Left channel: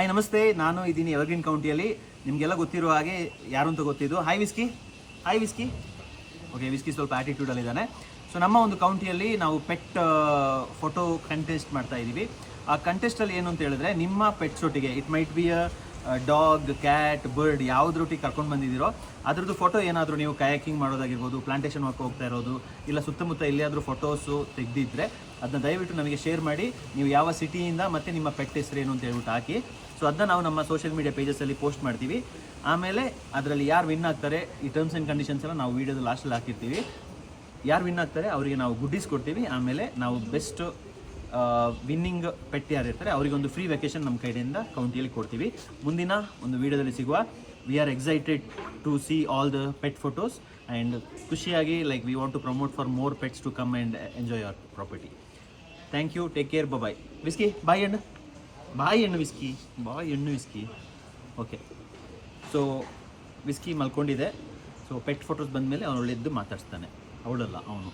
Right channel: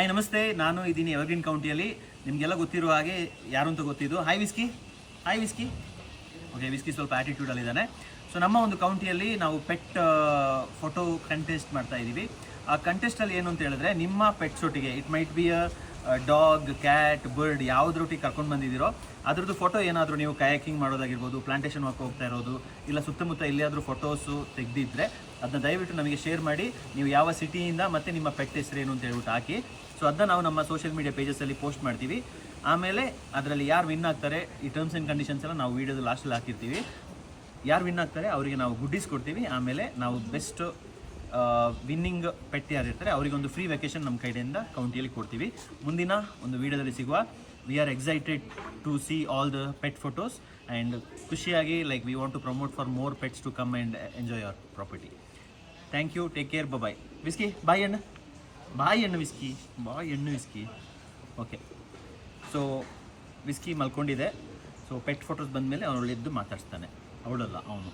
Hi ನಮಸ್ತೆ, ನಾನು ಇದ್ದೀನಿ ಎವರ್ಗ್ರೀನ್ ಕೌಂಟಿಯಲ್ಲಿ. ನಿಮಗೆಲ್ಲ ಗೊತ್ತಿರೋ ಹಾಗೆ ಯಾರು ಅಂತ ಗೊತ್ತಿದ್ದು. Hi whisky. ಓಕೆ, ವಿಸ್ಕಿ ಸ್ವಲ್ಪ ಆ್ಯಟಿಟ್ಯೂಡಲ್ಲಿದ್ದಾನೆ. ಸೊ ನಮ್ಮ ಒಂದು ಕೌಂಟಿಯಲ್ಲಿ ನಾವು ಪೆಟ್ ಫೋಟೋ ಕಂಟೆಸ್ಟ್ ಮಾಡ್ತಾ ಇದ್ದೀವಿ. ಆ ಕಂಟೆಸ್ಟಲ್ಲಿ ಏನು ಅಂತ ಹೇಳಿದ್ರೆ, ನಿಮ್ಮ ಪೆಟ್ಸೊಟ್ಟಿಗೆ it might be dog, cat, bird ಯಾವುದ್ರೊಟ್ಟಿಗೆ ಕರ್ಕೊಂಡು ಬಂದಿದ್ದೀರೋ ಅದ್ರದ್ದು ಫೋಟೋ ಏನಾದರೂ ನೀವು ಕಯಾಕಿಂಗ್ ಮಾಡೋದಾಗಿರ್ಬೋದು, ಪ್ಲಾಂಟೇಶನ್ ವರ್ಕ್ ಹೋಗ್ತಾ ಇರೋದು, ಇಲ್ಲ ಸುತ್ತಮುತ್ತ ಎಲ್ಲಿಯಾದರೂ ಫೋಟೋಸು ತೆಗೆದಿದ್ದರೆ ಅದನ್ನ ದಯವಿಟ್ಟು ನಮಗೆ ಶೇರ್ ಮಾಡಿ. ನೀವು ಯಾವ ಸಿಟಿಯಿಂದ ಮತ್ತು ನಿಮ್ಮ ಪೆಟ್ ಹೆಸರೇನು ಅಂತ ಹೇಳ್ಬಿಟ್ಟು ಹಾಕಿ. ಸೊ ಅದನ್ನ ನಾವು ನಮ್ಮ ಸೋಷಿಯಲ್ ಮೀಡಿಯಾ ಪೇಜಸಲ್ಲಿ ಪೋಸ್ಟ್ ಮಾಡ್ತೀವಿ. ಆಮೇಲೆ ಅದರಲ್ಲಿ ಯಾರು ವಿನ್ ಆಗ್ತಾರೆ, ಈ ಟರ್ಮ್ಸ್ ಆ್ಯಂಡ್ ಕಂಡೀಷನ್ಸ್ ಎಲ್ಲ ನಾವು ವೀಡಿಯೋದ ಲಾಸ್ಟಲ್ಲಿ ಹಾಕಿರ್ತೀವಿ. ಯಾರು ವಿನ್ ಆಗ್ತಾರೆ ಅವರಿಗೆ ನಾವು ಗುಡ್ಡೀಸ್ ಕೊಡ್ತೀವಿ. ಆಮೇಲೆ ನಾವು ಬೆಸ್ಟ್ ವಿನ್ನಿಂಗ್ ಪೆಟ್ ಯಾರಿರ್ತಾರೆ ಅವರಿಗೊಂದು ಫ್ರೀ ವೆಕೇಷನ್ ನಮ್ಮ ಕೈಯಿಂದ ಕೌಂಟಿಯಲ್ಲಿ ಕೊಡ್ತೀವಿ. ಮುಂದಿನ ಒಂದು ವೀಡಿಯೋದಲ್ಲಿ ಸಿಗುವ. We are excited to see all the pet photos and ಖುಷಿಯಾಗಿ like we want to promote for more pets to come and enjoy our property. Thank you, take care, bye. Whisky boy ಹೆಣ್ಣು Whisky. Okay, so Whisky ಮಲ್ಕೊಂಡಿದೆ. So pet photos ಬಂದಮೇಲೆ ಅವಳು ಎದ್ದು ಮಾತಾಡ್ಸ್ತಾನೆ, ಅವಳಲ್ಲ ಅವನು.